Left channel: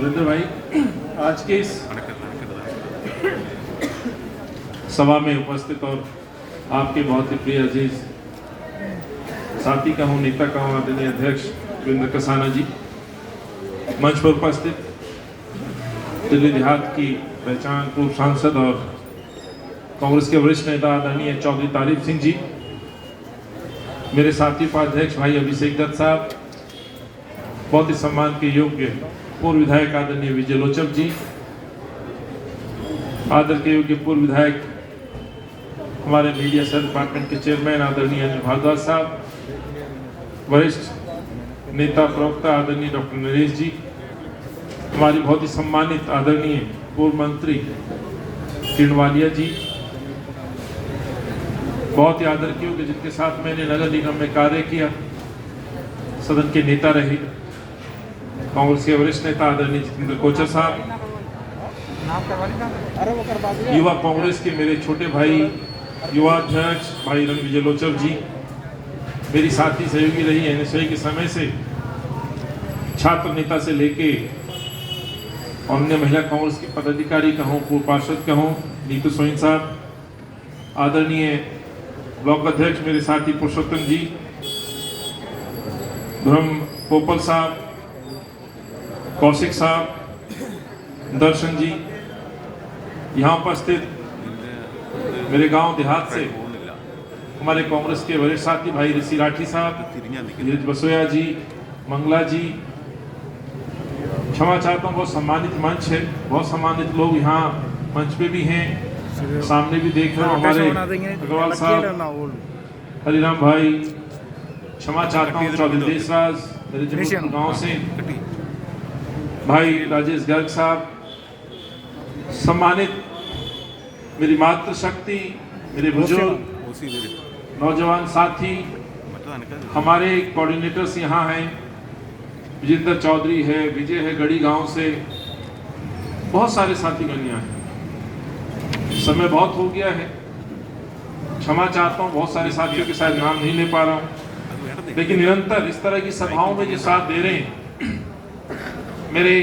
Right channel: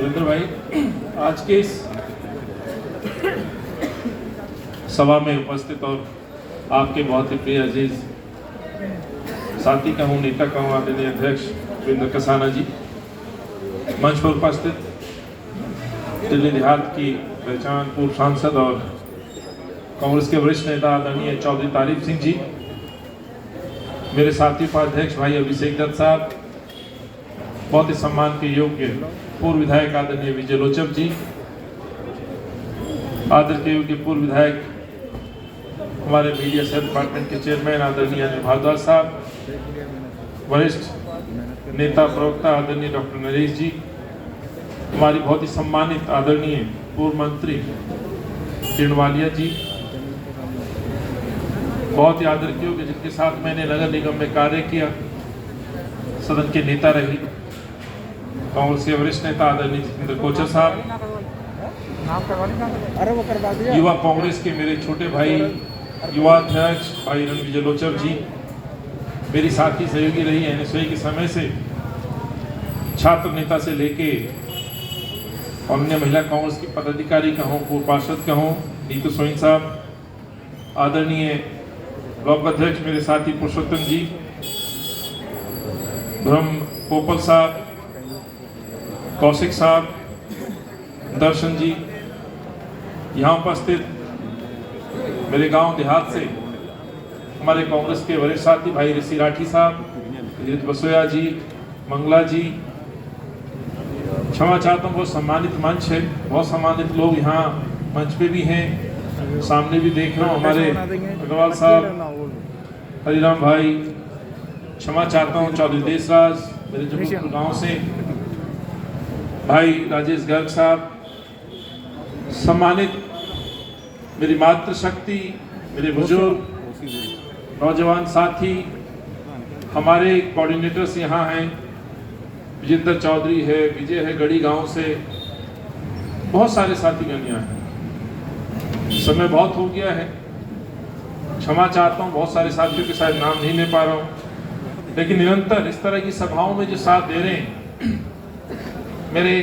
सुरेंद्र भाई, आज के इस सभा में उपस्थित और आपके बहुत ही प्रिय अजीज साथी का हूँ, नेता का हूँ, आदरणीय अध्यक्ष वीरेंद्र कसाना जी, मंच पर उपस्थित दिल्ली देहात की पहचान पूर्व सांसद और कांग्रेस के वरिष्ठ नेता आदरणीय चौधरी तारीफ सिंह जी, मेरे साथी उपाध्यक्ष भाई अभिषेक दत्त साहब, बहुत ही सम्मान के योग्य पूर्व विधायक आदरणीय विजय लोचब जी, आदर के योग्य पूर्व विधायक हमारे मीडिया सेल डिपार्टमेंट के चेयरमैन आदरणीय अनिल भारद्वाज साहब, वरिष्ठ नेता प्रवक्ता आदरणीय डॉक्टर नरेश जी, हमारी बहुत ही सम्मानित आदरणीय पूर्व मंत्री किरण वालिया जी, बहुत ही आदर के योग्य जिनके साथ मैंने नगर निगम में कार्य किया, सदन के नेता रहे, कांग्रेस के वरिष्ठ नेता आदरणीय जितेंद्र कोचर साहब, युवा कांग्रेस के मेरे छोटे भाई युवा अध्यक्ष भाई विजय लोचब जी, मेरी साथी सहयोगी रही एनएसयूआई के समय से, छात्र नेता से लेके अन्य महिला कांग्रेस की पदाधिकारी का हूँ, पूर्व पार्षद का हूँ, नीतू सोइन साहब, आदरणीय ब्लॉक अध्यक्ष मेरे साथी पुरुषोत्तम जी, ब्रह्म पोपल साहब, कौशिक साहब, दर्शन जी, यहाँ उपस्थित मेरे गांव देहात से हमारे कांग्रेस के वरिष्ठ साथी भाई ऋषि राठी साहब, धीरज बसोया जी, मंगला जी, क्षमा चाहता हूँ, बहुत सम्मानित मंच है, बहुत सम्मानित लोग यहाँ मंच पे भी हैं, सामने भी देख रहे हो हमारे अग्रवाल साहब, हरिराम भाई, क्षमा चाहता हूँ चौधरी देशराज मेरे जबलपुर गांव से, भाई राजेश गर्ग साहब, सम्मानित मेरी मातृशक्ति, मेरे बुजुर्ग नौजवान साथी, हमारे कोऑर्डिनेटर्स यहाँ हैं, विजेंद्र चौधरी है, विजय है गढ़ी गांव से, बहुत सारे साथीगण यहाँ हैं। समय बहुत हो गया है, क्षमा चाहता हूँ, बहुत सारे साथियों के साथ नाम नहीं ले पा रहा हूँ, लेकिन निरंतर इस तरह की सभाओं में जो साथ दे रहे हैं, मेरे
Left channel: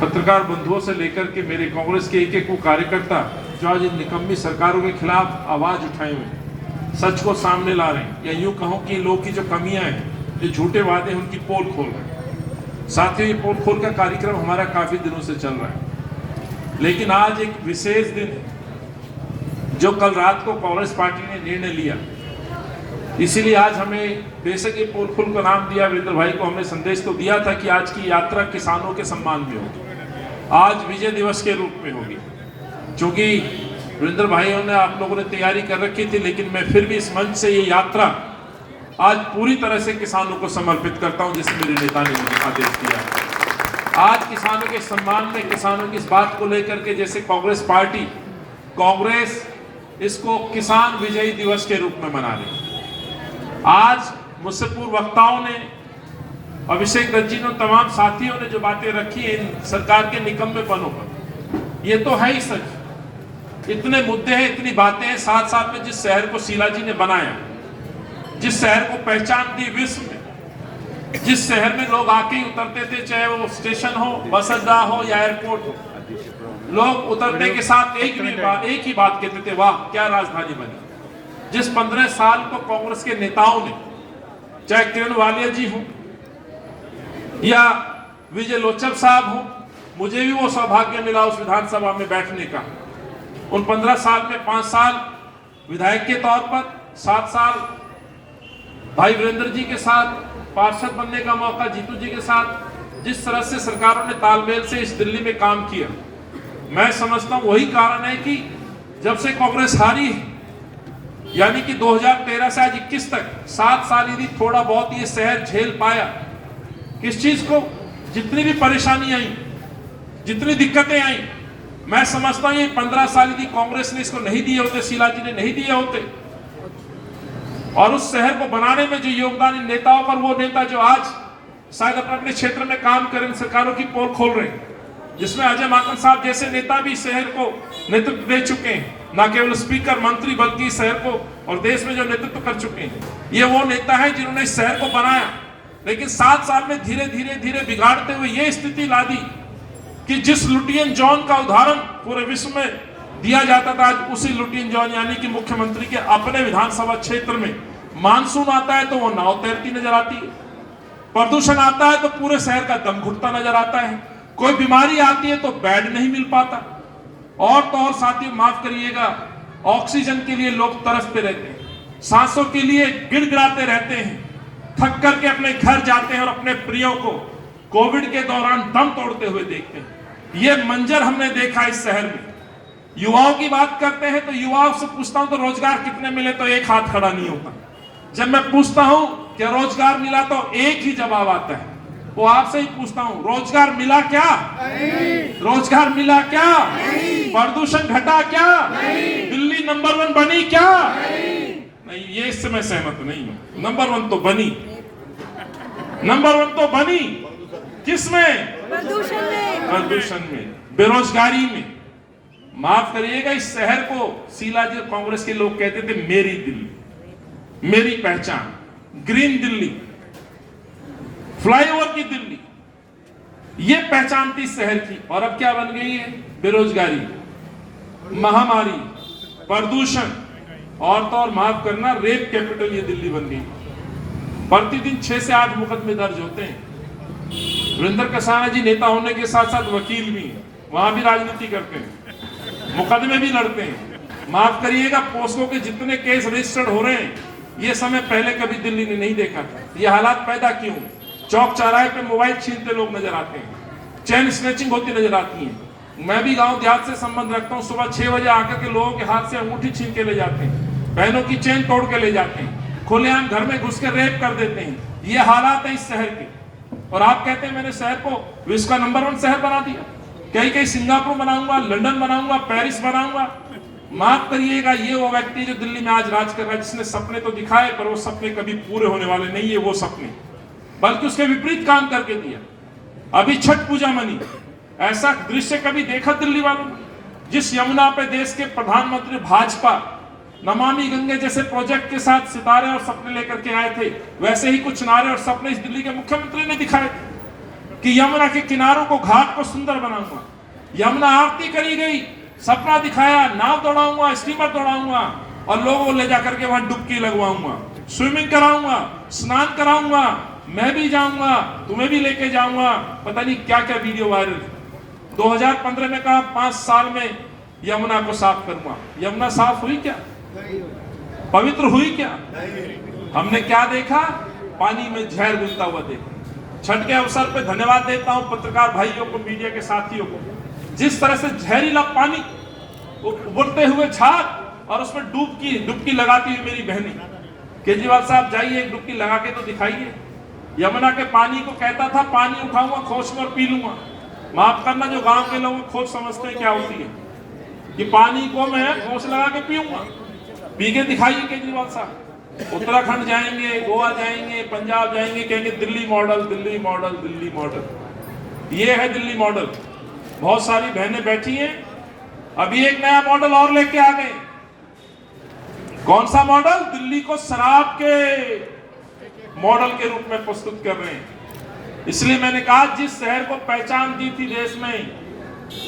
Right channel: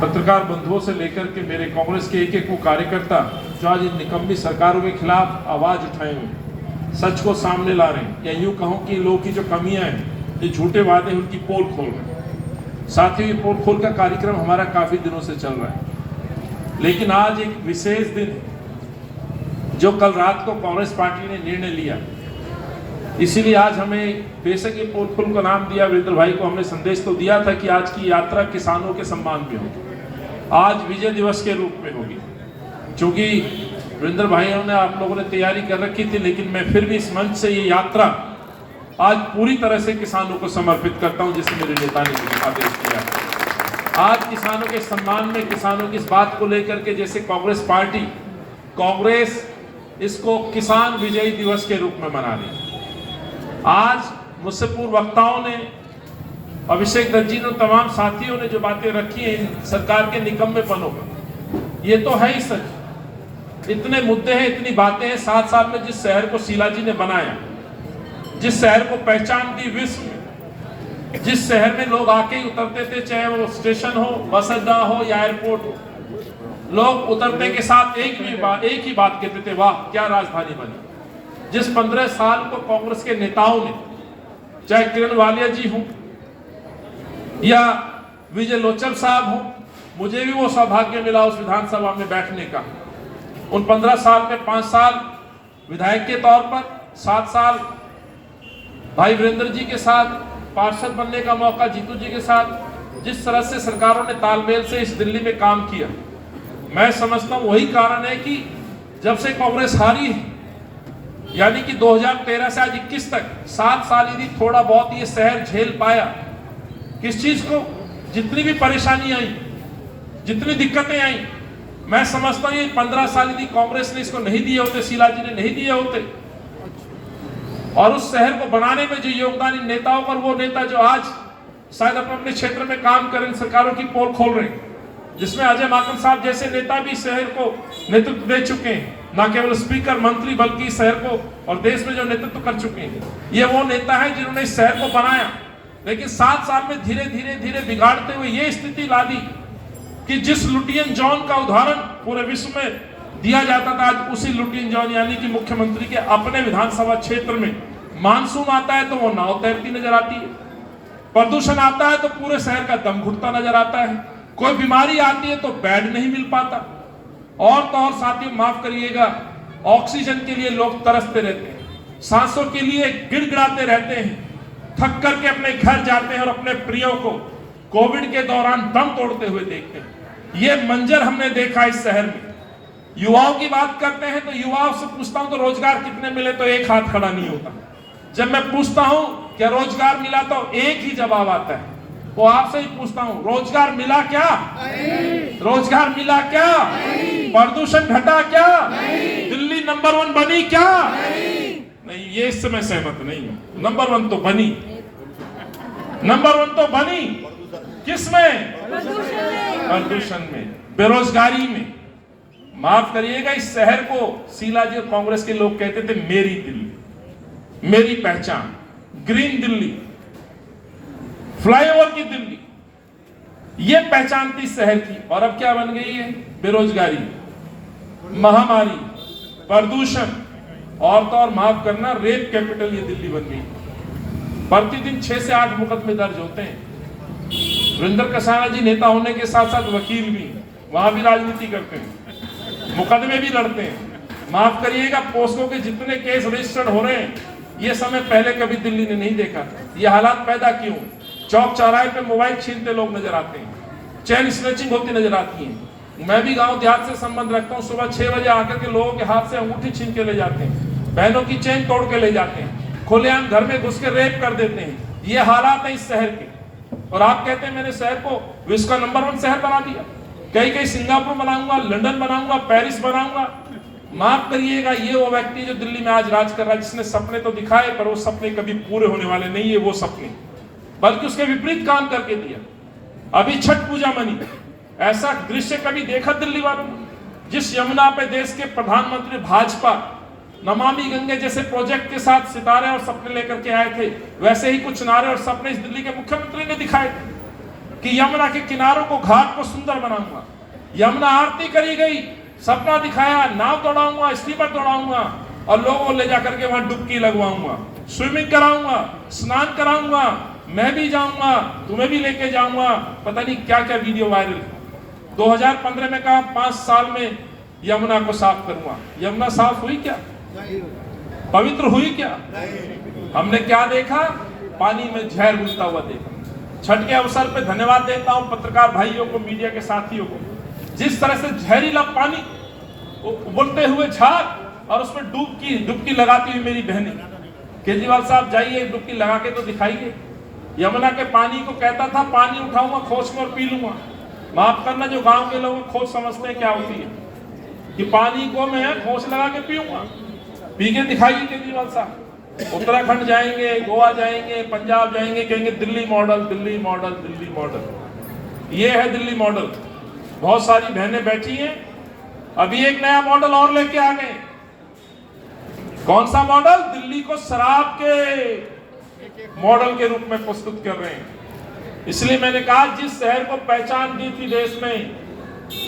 पत्रकार बंधुओं से लेकर के मेरे कांग्रेस के एक वो कार्यकर्ता जो आज इन निकम्मी सरकारों के खिलाफ आवाज उठाए हुए सच को सामने ला रहे हैं, या यूं कहूं कि लोगों की जो कमियां हैं, जो झूठे वादे हैं, उनकी पोल खोल रहे हैं। साथियों, ये पोल खोल का कार्यक्रम हमारा काफी दिनों से चल रहा है, लेकिन आज एक विशेष दिन है जो कल रात को कांग्रेस पार्टी ने निर्णय लिया, इसीलिए आज हमें बेशक ये पोल खोल का नाम दिया, वीरेंद्र भाई को हमने संदेश तो दिया था कि आज की यात्रा किसानों के सम्मान में होगी, आज विजय दिवस के रूप में होगी। चूंकि वीरेंद्र भाइयों ने, आप लोगों ने तैयारी कर रखी थी, लेकिन मैं फिर भी इस मंच से ये यात्रा आज पूरी तरह से किसानों को समर्पित करता हूं, जैसे मेरे नेता ने मुझे आदेश दिया। आज किसानों के सम्मान में, किसानों की इस बात को लेकर के, जैसे कांग्रेस पार्टी, कांग्रेस इसको किसान विजयी दिवस के रूप में मना रही है। आज मुझसे पूर्व वक्ताओं ने, अभिषेक दत्त जी ने, तमाम साथियों ने जो बातें रखी हैं इन सरकार के निकम्मेपनों पर, ये तो है ही सच। इतने मुद्दे हैं, इतनी बातें हैं। 7 साल में जिस शहर को शीला जी ने बनाया, जिस शहर को पहचान दी विश्व में, जिस शहर में लोग आके ही उतरते थे, चाहे वो स्टेशन हो, बस अड्डा हो या एयरपोर्ट हो, लोग उतरने के साथ एक ही बात कहते थे, वाह क्या राजधानी बनी। जिस 15 साल को कांग्रेस के नेताओं ने, चाहे किरण वालिया जी हो या विजय लोचब साहब हो, मुझे भी वो सौभाग्य मिला उस विधानसभा में बैठने का। उन 15 साल में 5 साल विधायक के तौर पर, 7 साल भाई वीरेंद्र जी के साथ पार्षद बनने का मौका, जीतू जी के साथ, जिस तरह से सरकारों ने तालमेल से इस दिल्ली में काम किया, मैं समझता हूं वही कारण है कि जब से कांग्रेस हारी है, यानी कि 2013 से आज 21 तक 7 साल यदि थोड़ा बहुत ये शहर झेल पाया, किस चीज को, जितनी भी परेशानी आई, जितनी दिक्कतें आई, मैं समझता हूं ये 15 साल यदि कांग्रेस ने इसको नहीं दिए होते, शीला जी ने नहीं दिए होते, और उस शहर को बनाने में जो योगदान इन नेताओं पर, वो नेता जो आज शायद अपने क्षेत्र में काम कर सरकारों की पोल खोल रहे हैं, जिसमें अजय माकन साहब जैसे नेता भी शहर को नेतृत्व दे चुके हैं, न केवल स्पीकर मंत्री बल्कि शहर को और देश में जो नेतृत्व कर चुके हैं। ये वो नेता है जिन्होंने इस शहर को बनाया, लेकिन 7 साल में धीरे धीरे धीरे बिगाड़ते हुए ये स्थिति ला दी कि जिस लुटियन जॉन का उदाहरण पूरे विश्व में दिया जाता था, आज उसी लुटियन जॉन यानी कि मुख्यमंत्री के अपने विधानसभा क्षेत्र में मानसून आता है तो वो नाव तैरती नजर आती है, प्रदूषण आता है तो पूरे शहर का दम घुटता नजर आता है, कोई बीमारी आती है तो बेड नहीं मिल पाता, और तो और साथियों माफ करिएगा, ऑक्सीजन के लिए लोग तरसते रहते हैं, सांसों के लिए गिड़गिड़ाते रहते हैं, थक करके अपने घर जाते हैं और अपने प्रियों को कोविड के दौरान दम तोड़ते हुए देखते हैं। ये मंजर हमने देखा इस शहर में। युवाओं की बात करते हैं तो युवाओं से पूछता हूं तो रोजगार कितने मिले तो एक हाथ खड़ा नहीं होता। जब मैं पूछता हूं कि रोजगार मिला तो एक ही जवाब आता है, वो आपसे ही पूछता हूं, रोजगार मिला क्या? रोजगार मिला क्या? प्रदूषण घटा क्या? दिल्ली नंबर 1 बनी क्या? नहीं, ये इससे मैं सहमत नहीं हूं। नंबर 1 तो बनी, नंबर 1 तो बनी, किसमें? प्रदूषण में, बेरोजगारी में। माफ करिएगा, इस शहर को शीलाजी और कांग्रेस के लोग कहते थे मेरी दिल्ली, मेरी पहचान, ग्रीन दिल्ली, फ्लाईओवर की दिल्ली, ये पहचान थी शहर की। और अब क्या बन गई है? बेरोजगारी, महामारी, प्रदूषण, और तो और माफ करना रेप कैपिटल ये दिल्ली बन गई। प्रतिदिन 6 से 8 मुकदमे दर्ज होते हैं। वीरेंद्र कसाना जी नेता होने के साथ साथ वकील भी, वहां भी राजनीति करते हैं, मुकदमे भी लड़ते हैं। माफ करिएगा, पोस्को के जितने केस रजिस्टर्ड हो रहे हैं ये समय पहले कभी दिल्ली ने नहीं देखा था। ये हालात पैदा क्यों? चौक चौराहे पे मोबाइल छीनते लोग नजर आते हैं, चेन स्नैचिंग होती नजर आती है। मैं भी गांव देहात से संबंध रखता हूं, सुबह 6 बजे आकर के लोगों के हाथ से अंगूठी छीन के ले जाते हैं, बहनों की चेन तोड़ के ले जाते हैं, खुलेआम घर में घुस के रेप कर देते हैं। ये हालात है इस शहर के। और आप कहते हैं मैंने शहर को विश्व का नंबर 1 शहर बना दिया, कहीं कहीं सिंगापुर बनाऊंगा, लंदन बनाऊंगा, पेरिस बनाऊंगा। माफ करिएगा, ये वो व्यक्ति जो दिल्ली में आज राज कर रहा है, जिसने सपने तो दिखाए पर वो सपने कभी पूरे होने वाले नहीं है, वो सपने, बल्कि उसके विपरीत काम करके दिया। अभी छठ पूजा मनी, ऐसा दृश्य कभी देखा दिल्ली वालों? जिस यमुना पे देश के प्रधानमंत्री भाजपा नमामि गंगे जैसे प्रोजेक्ट के साथ सितारे और सपने लेकर के आए थे, वैसे ही कुछ नारे और सपने इस दिल्ली के मुख्यमंत्री ने दिखाए थे कि यमुना के किनारों को, घाट को सुंदर बनाऊंगा। यमुना आरती करी गई, सपना दिखाया, नाव दौड़ाऊंगा, स्टीमर दौड़ाऊंगा और लोगों को ले जाकर के वहां डुबकी लगवाऊंगा, स्विमिंग कराऊंगा, स्नान कराऊंगा, मैं भी जाऊंगा, तुम्हें भी लेके जाऊंगा। पता नहीं क्या क्या वीडियो वायरल। 2015 में कहा 5 साल में यमुना को साफ करूंगा। यमुना साफ हुई क्या? पवित्र हुई क्या? हमने क्या देखा? पानी में जहर घुलता हुआ देखा। छठ के अवसर पर धन्यवाद देता हूं पत्रकार भाइयों को, मीडिया के साथियों को। जिस तरह से जहरीला पानी, उबलते हुए झाग और उसमें डुबकी लगाती हुई मेरी बहनें। केजरीवाल साहब जाइए, डुबकी लगा के तो दिखाइए। यमुना के पानी को कहता था पानी उठाऊंगा खोज में और पी लूंगा। माफ करना, जो गांव के लोग खोज समझते हैं क्या होती है, कि पानी को मैं खोज लगा के पीऊंगा। पी के दिखाइए केजरीवाल साहब। उत्तराखंड जाएंगे, गोवा जाएंगे, पंजाब जाएंगे, कहेंगे Delhi model, Delhi model, Delhi model. ये है दिल्ली मॉडल। बहुत सारी बहनें बैठी हैं, अभी एक नया मॉडल और लेके आ गए। कौन सा मॉडल? दिल्ली को शराब के मॉडल के रूप में प्रस्तुत कर रहे हैं। इसलिए मैंने कहा, जिस शहर को पहचान दी थी देश में,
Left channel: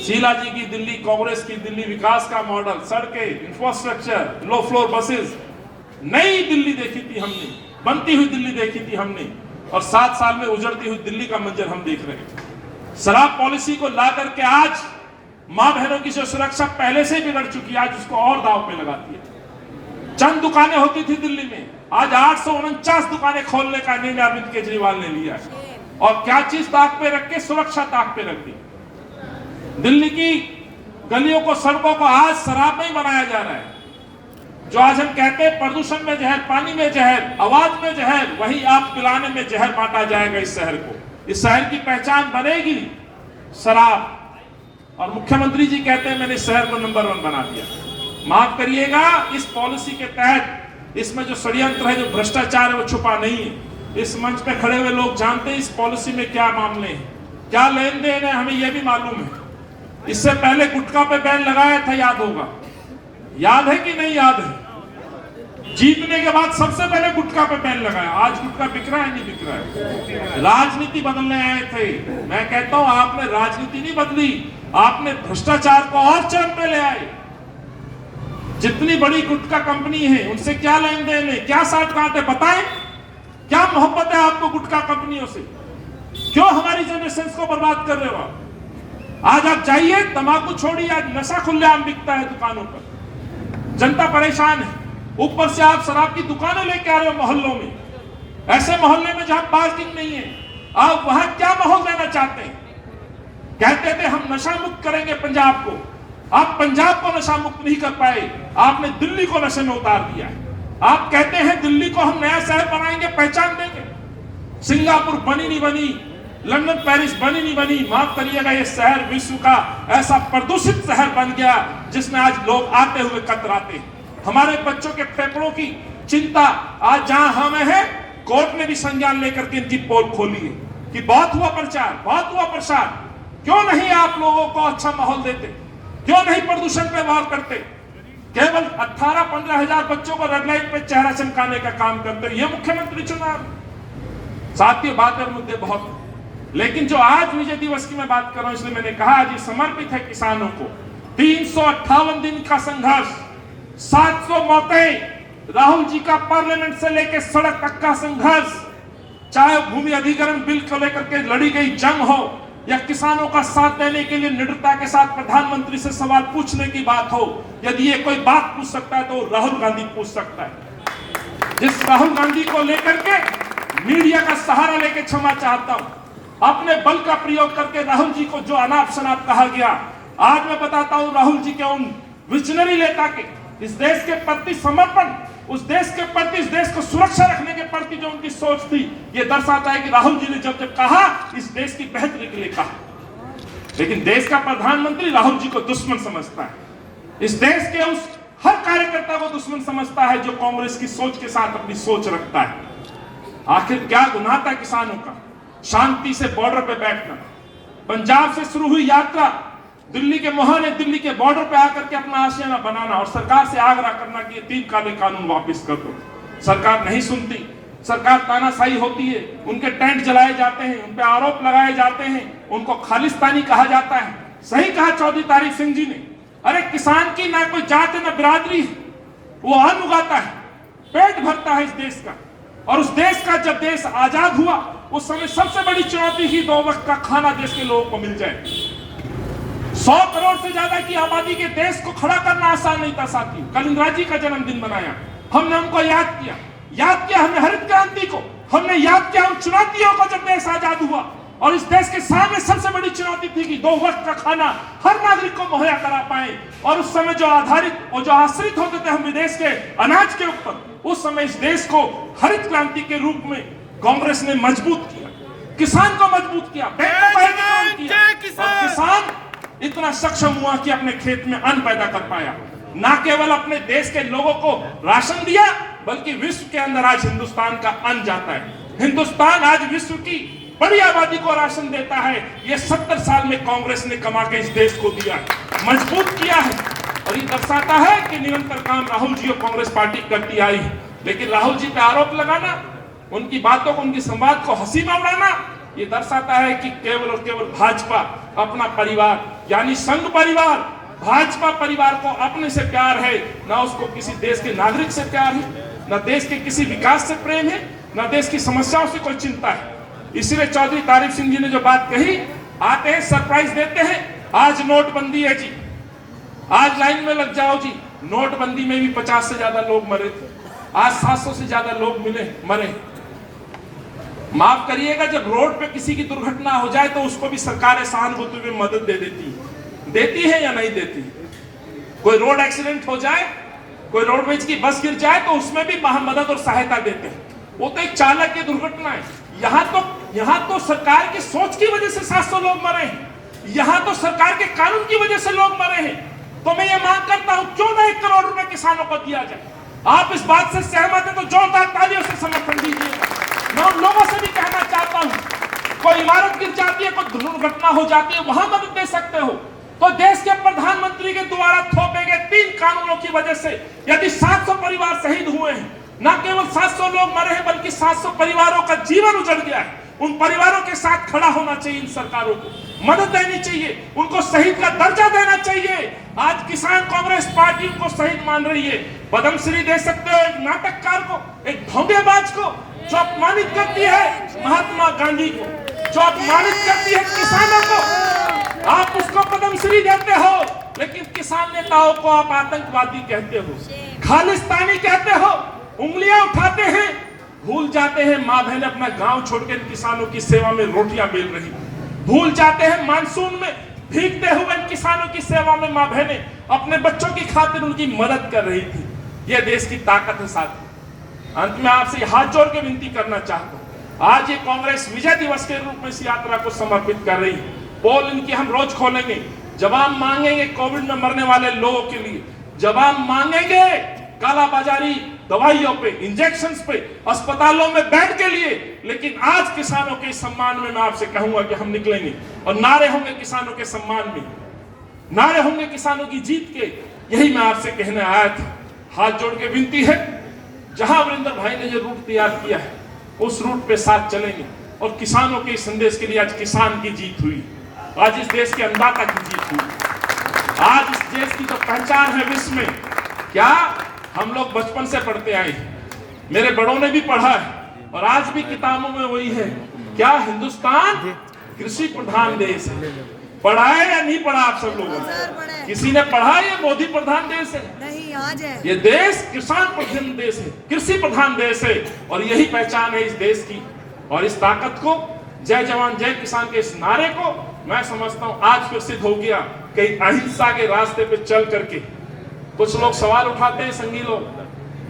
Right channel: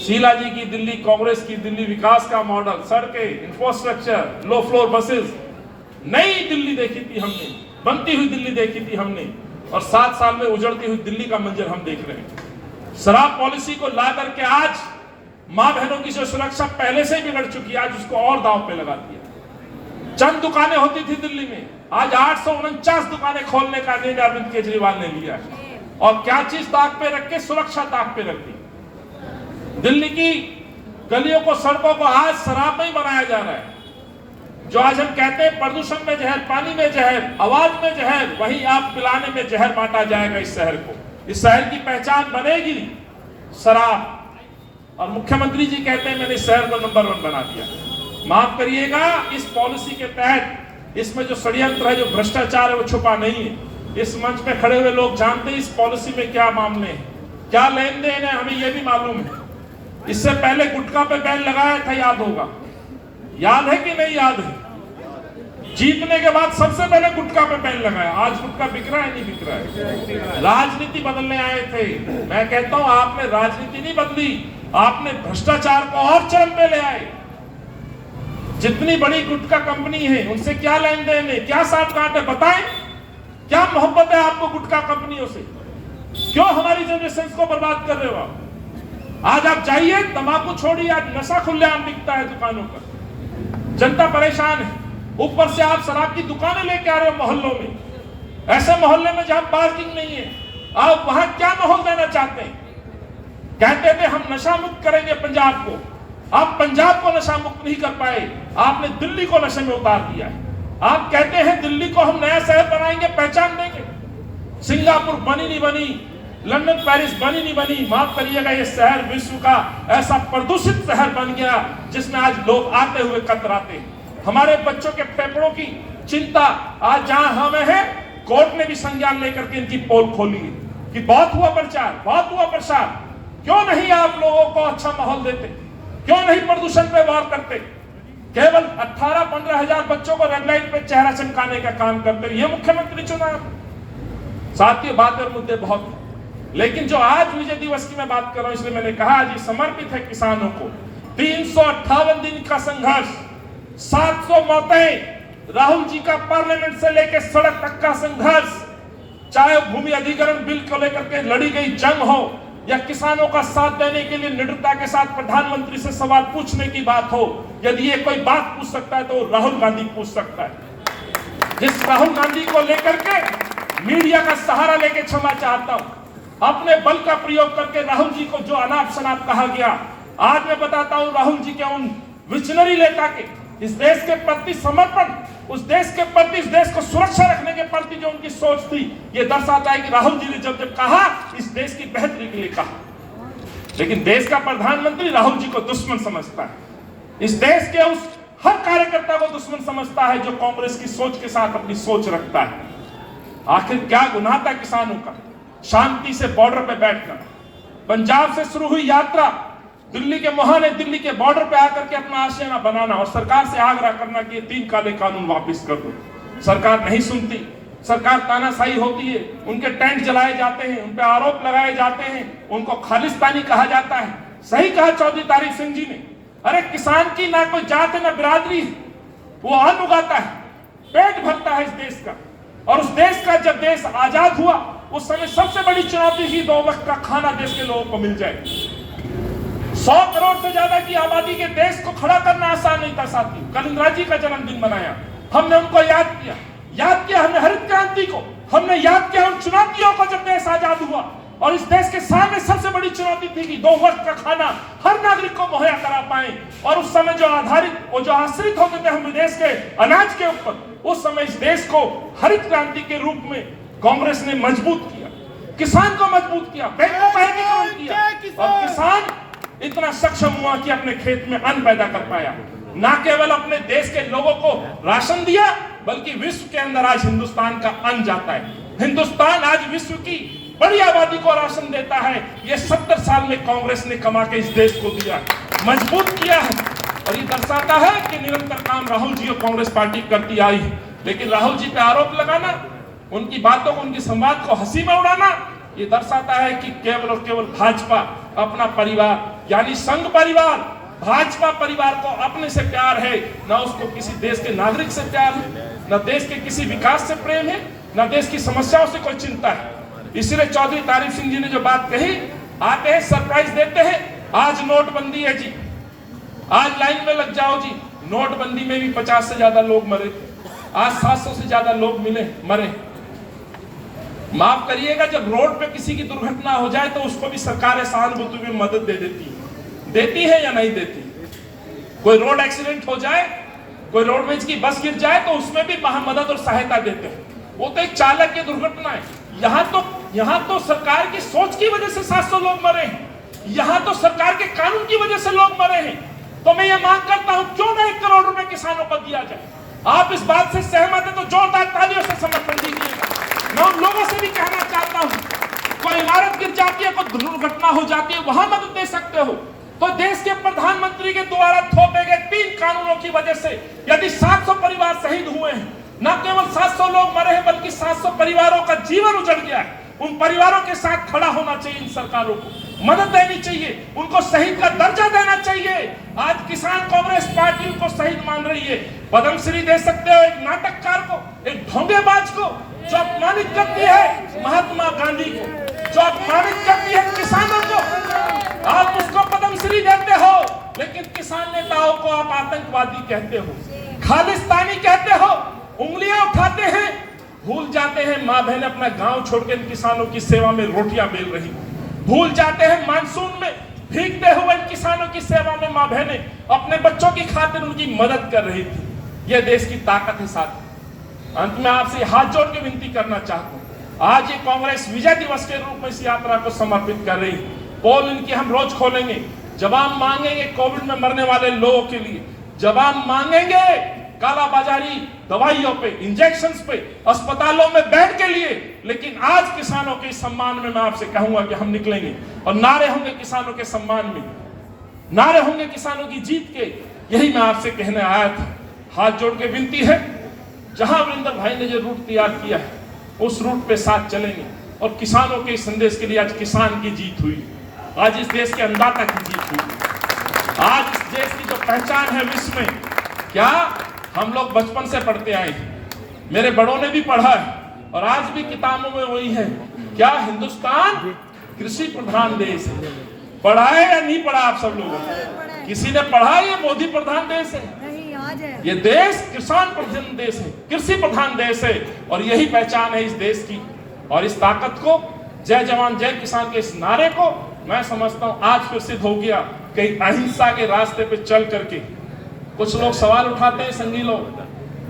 शीला जी की दिल्ली, कांग्रेस की दिल्ली, विकास का मॉडल, सड़कें, इंफ्रास्ट्रक्चर, लो फ्लोर बसेस, नई दिल्ली देखी थी हमने, बनती हुई दिल्ली देखी थी हमने, और 7 साल में उजड़ती हुई दिल्ली का मंजर हम देख रहे हैं। शराब पॉलिसी को ला करके आज मां बहनों की जो सुरक्षा पहले से ही बिगड़ चुकी है, आज उसको और दांव पे लगा दिया। चंद दुकानें होती थी दिल्ली में, आज 849 दुकानें खोलने का निर्णय अरविंद केजरीवाल ने लिया है। और क्या चीज ताक पे रख के? सुरक्षा ताक पे रख दी। दिल्ली की गलियों को, सड़कों को आज शराब में ही बनाया जा रहा है। जो आज हम कहते हैं प्रदूषण में जहर, पानी में जहर, आवाज में जहर, वही आप पिलाने में जहर बांटा जाएगा इस शहर को। इस शहर की पहचान बनेगी शराब। और मुख्यमंत्री जी कहते हैं मैंने इस शहर को नंबर 1 बना दिया। माफ करिएगा, इस पॉलिसी के तहत इसमें जो षड्यंत्र है, जो भ्रष्टाचार है, वो छुपा नहीं है। इस मंच पे खड़े हुए लोग जानते हैं इस पॉलिसी में क्या मामले हैं, क्या लेन देन है, हमें यह भी मालूम है। इससे पहले गुटखा पे बैन लगाया था, याद होगा। याद है कि नहीं याद है? जीतने के बाद सबसे पहले गुटखा पे बैन लगाया। आज गुटखा बिक रहा है नहीं बिक रहा है? राजनीति बदलने आए थे। मैं कहता हूं आपने राजनीति नहीं बदली, आपने भ्रष्टाचार को और चरम पे ले आए। जितनी बड़ी गुटखा कंपनी है उनसे क्या लेन देन है, क्या साठ-गांठ है बताएं? क्या मोहब्बत है आपको गुटखा कंपनियों से? क्यों हमारी जनरेशन को बर्बाद कर रहे हो आप? आज आप जाइए, तंबाकू छोड़िए, आज नशा खुलेआम बिकता है दुकानों पर, जनता परेशान है। ऊपर से आप शराब की दुकानें लेके आ रहे हो मोहल्लों में, ऐसे मोहल्ले में जहां पार्किंग नहीं है। आप वहां क्या माहौल देना चाहते हैं? कहते थे हम नशा मुक्त करेंगे पंजाब को, आप पंजाब को नशा मुक्त नहीं कर पाए, आपने दिल्ली को नशे में उतार दिया है। आप कहते हैं दिल्ली को हम नया शहर बनाएंगे, पहचान देंगे। सिंगापुर बनी नहीं बनी, लंदन पेरिस बनी नहीं बनी, माफ करिएगा ये शहर विश्व का ऐसा प्रदूषित शहर बन गया जिसमें आज लोग आते हुए कतराते हैं। हमारे बच्चों के फेफड़ों की चिंता आज जहां हमें है, कोर्ट ने भी संज्ञान लेकर के इनकी पोल खोली है कि बहुत हुआ प्रचार, बहुत हुआ प्रसार। क्यों नहीं आप लोगों को अच्छा माहौल देते? क्यों नहीं प्रदूषण पे वार करते? केवल 18-15 हजार बच्चों को रेड लाइट पे चेहरा चमकाने का काम करते रहे। ये मुख्यमंत्री चुनाव। साथियों, बातें मुद्दे बहुत, लेकिन जो आज विजय दिवस की मैं बात कर रहा हूं, इसलिए मैंने कहा आज ये समर्पित है किसानों को। 358 दिन का संघर्ष, 700 मौतें, राहुल जी का पार्लियामेंट से लेकर सड़क तक का संघर्ष, चाहे भूमि अधिग्रहण बिल को लेकर के लड़ी गई जंग हो या किसानों का साथ देने के लिए निडरता के साथ प्रधानमंत्री से सवाल पूछने की बात हो। यदि ये कोई बात पूछ सकता है तो राहुल गांधी पूछ सकता है। जिस राहुल गांधी को लेकर के मीडिया का सहारा लेके क्षमा चाहता हूं, अपने बल का प्रयोग करके राहुल जी को जो अनाप शनाप कहा गया, आज मैं बताता हूं राहुल जी के उन विजनरी नेता के इस देश के प्रति समर्पण, उस देश के प्रति, इस देश को सुरक्षा रखने के प्रति जो उनकी सोच थी, ये दर्शाता है कि राहुल जी ने जब जब कहा इस देश की बेहतरी के लिए कहा। लेकिन देश का प्रधानमंत्री राहुल जी को दुश्मन समझता है, इस देश के उस हर कार्यकर्ता को दुश्मन समझता है जो कांग्रेस की सोच के साथ अपनी सोच रखता है। आखिर क्या गुनाह था किसानों का? शांति से बॉर्डर पे बैठना, पंजाब से शुरू हुई यात्रा, दिल्ली के मोहाने, दिल्ली के बॉर्डर पे आकर के अपना आशियाना बनाना और सरकार से आग्रह करना कि ये 3 काले कानून वापस कर दो। सरकार नहीं सुनती, सरकार तानाशाही होती है, उनके टेंट जलाए जाते हैं, उन पे आरोप लगाए जाते हैं, उनको खालिस्तानी कहा जाता है। सही कहा चौधरी तारिक सिंह जी ने, अरे किसान की ना कोई जात है ना बिरादरी है, वो अन्न उगाता है, पेट भरता है इस देश का। और उस देश का जब देश आजाद हुआ उस समय सबसे बड़ी चुनौती ही 2 वक्त का खाना देश के लोगों को मिल जाए। 100 करोड़ से ज्यादा की आबादी के देश को खड़ा करना आसान नहीं था साथी। कल इंदिरा जी का जन्मदिन मनाया, हमने उनको याद किया हमने हरित क्रांति को, हमने याद किया उन चुनौतियों को जब देश आजाद हुआ। और इस देश के सामने सबसे बड़ी चुनौती थी कि 2 वक्त का खाना हर नागरिक को मुहैया करा पाए। और उस समय जो आश्रित होते थे हम विदेश के अनाज के ऊपर, उस समय इस देश को हरित क्रांति के रूप में कांग्रेस ने मजबूत किया, किसान को मजबूत किया, और किसान इतना सक्षम हुआ कि अपने खेत में अन्न पैदा कर पाया। ना केवल अपने देश के लोगों को राशन दिया, बल्कि विश्व के अंदर आज हिंदुस्तान का अन्न जाता है। हिंदुस्तान आज विश्व की बड़ी आबादी को राशन देता है। ये 70 साल में कांग्रेस ने कमा के इस देश को दिया, मजबूत किया है। और ये दर्शाता है कि निरंतर काम राहुल जी और कांग्रेस पार्टी करती आई है। लेकिन राहुल जी पे आरोप लगाना, उनकी बातों को, उनकी संवाद को हंसी में उड़ाना, ये दर्शाता है कि केवल और केवल भाजपा अपना परिवार यानी संघ परिवार, भाजपा परिवार को अपने से प्यार है, ना उसको किसी देश के नागरिक से प्यार है, ना देश के किसी विकास से प्रेम है, ना देश की समस्याओं से कोई चिंता है। इसलिए चौधरी तारिक सिंह जी ने जो बात कही, आते हैं सरप्राइज देते हैं, आज नोटबंदी है जी, आज लाइन में लग जाओ जी। नोटबंदी में भी 50 से ज्यादा लोग मरे थे, आज 700 से ज्यादा लोग मरे। माफ करिएगा, जब रोड पे किसी की दुर्घटना हो जाए तो उसको भी सरकार सहानुभूति में मदद देती है या नहीं देती? कोई रोड एक्सीडेंट हो जाए, कोई रोडवेज की बस गिर जाए तो उसमें भी मदद और सहायता देते हैं। वो तो एक चालक की दुर्घटना है। यहाँ तो सरकार की सोच की वजह से 700 लोग मरे हैं, यहाँ तो सरकार के कानून की वजह से लोग मरे हैं। तो मैं ये मांग करता हूं, क्यों ना 1 करोड़ रुपए किसानों को दिया जाए। आप इस बात से सहमत है तो जोरदार तालियों से समर्थन दीजिए। मैं उन लोगों से भी कहना चाहता हूं, कोई इमारत गिर जाती है, कोई दुर्घटना हो जाती है, वहां मदद दे सकते हो, तो देश के प्रधानमंत्री के द्वारा थोपे गए 3 कानूनों की वजह से यदि 700 परिवार शहीद हुए हैं, न केवल 700 लोग मरे हैं बल्कि 700 परिवारों का जीवन उजड़ गया है, उन परिवारों के साथ खड़ा होना चाहिए। इन सरकारों को मदद देनी चाहिए, उनको शहीद का दर्जा देना चाहिए। आज किसान कांग्रेस पार्टी उनको शहीद मान रही है। पद्मश्री दे सकते हो एक नाटककार को, एक ढोंगेबाज को जो अपमानित करती है महात्मा गांधी को, जो अपमानित करती है किसानों को, आप उसको पद्मश्री देते हो। लेकिन किसान नेताओं को आप आतंकवादी कहते हो, खालिस्तानी कहते हो, उंगलियां उठाते हैं। भूल जाते हैं माँ बहन अपना गांव छोड़कर किसानों की सेवा में रोटियां बेल रही, भूल जाते हैं मानसून में भीगते हुए किसानों की सेवा में माँ बहनें अपने बच्चों की खातिर उनकी मदद कर रही थी। यह देश की ताकत है। साथ अंत में आपसे हाथ जोड़ के विनती करना चाहता हूं, आज ये कांग्रेस विजय दिवस के रूप में इस यात्रा को समर्पित कर रही है। पोल इनकी हम रोज खोलेंगे, जवाब मांगेंगे कोविड में मरने वाले लोगों के लिए, जवाब मांगेंगे कालाबाजारी दवाइयों पे, इंजेक्शंस पे, अस्पतालों में बेड के लिए। लेकिन आज किसानों के सम्मान में मैं आपसे कहूंगा कि हम निकलेंगे और नारे होंगे किसानों के सम्मान में, नारे होंगे किसानों की जीत के। यही मैं आपसे कहने आया था। हाथ जोड़ के विनती है, जहां वरिंदर भाई ने जो रूट तैयार किया है उस रूट पे साथ चलेंगे और किसानों के संदेश के लिए आज किसान की जीत हुई, आज इस देश के अन्नदाता की जीत हुई, आज इस देश की जो पहचान है विश्व में। क्या हम लोग बचपन से पढ़ते आए हैं, मेरे बड़ों ने भी पढ़ा है और आज भी किताबों में वही है, क्या हिंदुस्तान कृषि प्रधान देश है। पढ़ा है या नहीं पढ़ा आप सब लोगों ने? किसी ने पढ़ा ये मोदी प्रधान देश है? नहीं, आज है। ये देश किसान प्रधान देश है, कृषि प्रधान देश है और यही पहचान है इस देश की। और इस ताकत को, जय जवान जय किसान के इस नारे को मैं समझता हूं आज फिर सिद्ध हो गया कि अहिंसा के रास्ते पे चल करके कुछ लोग सवाल उठाते हैं, संगी लोग,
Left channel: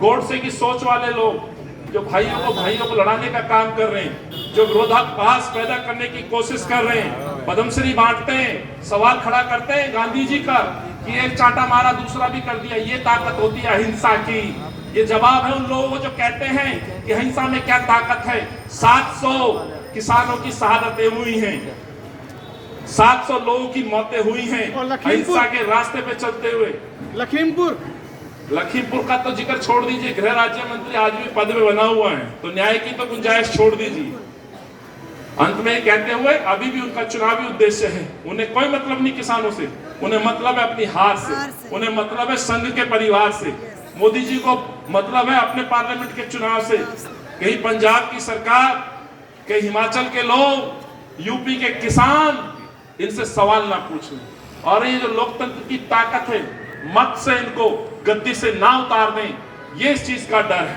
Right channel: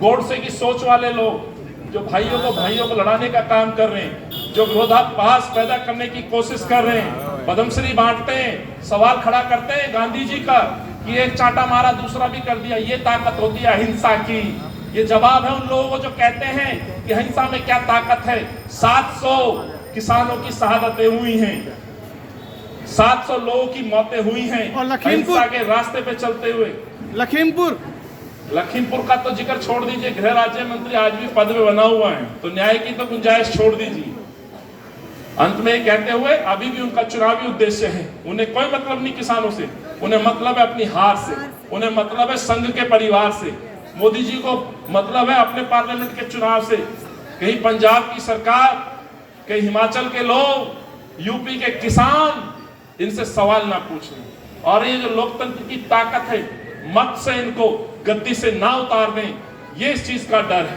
गोडसे की सोच वाले लोग जो भाइयों को लड़ाने का काम कर रहे हैं, जो विरोधाभास पैदा करने की कोशिश कर रहे हैं, पद्मश्री बांटते हैं, सवाल खड़ा करते हैं गांधी जी का कि एक चाटा मारा दूसरा भी कर दिया। ये ताकत होती है अहिंसा की। ये जवाब है उन लोगों को जो कहते हैं कि अहिंसा में क्या ताकत है। 700 किसानों की शहादतें हुई हैं, 700 लोगों की मौतें हुई हैं अहिंसा के रास्ते पे चलते हुए। लखीमपुर का तो जिक्र छोड़ दीजिए, गृह राज्य मंत्री आज भी पद में बना हुआ है, तो न्याय की तो गुंजाइश छोड़ दीजिए। अंत में कहते हुए अभी भी उनका चुनावी उद्देश्य है, उन्हें कोई मतलब नहीं किसानों से, उन्हें मतलब है अपनी हार से, उन्हें मतलब है संघ के परिवार से। मोदी जी को मतलब है अपने पार्लियामेंट के चुनाव से। कहीं पंजाब की सरकार, कहीं हिमाचल के लोग, यूपी के किसान, इनसे सवाल ना पूछें। और ये जो लोकतंत्र की ताकत है, मत से इनको गद्दी से ना उतार दें, ये इस चीज का डर है।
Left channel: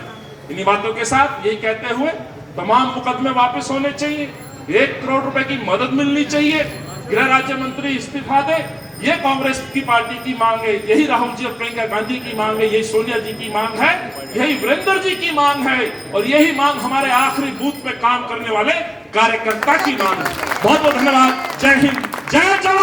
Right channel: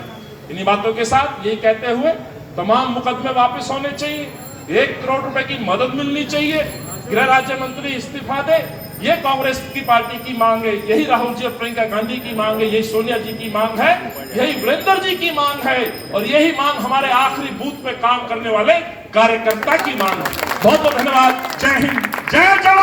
इन्हीं बातों के साथ यही कहते हुए तमाम मुकदमे वापस होने चाहिए, 1 करोड़ रुपए की मदद मिलनी चाहिए, गृह राज्य मंत्री इस्तीफा दे, ये कांग्रेस की पार्टी की मांग है, यही राहुल जी और प्रियंका गांधी की मांग है, यही सोनिया जी की मांग है, यही वीरेंद्र जी की मांग है और यही मांग हमारे आखिरी बूथ पे काम करने वाले कार्यकर्ता की मांग है। बहुत बहुत धन्यवाद। जय हिंद, जय जवान।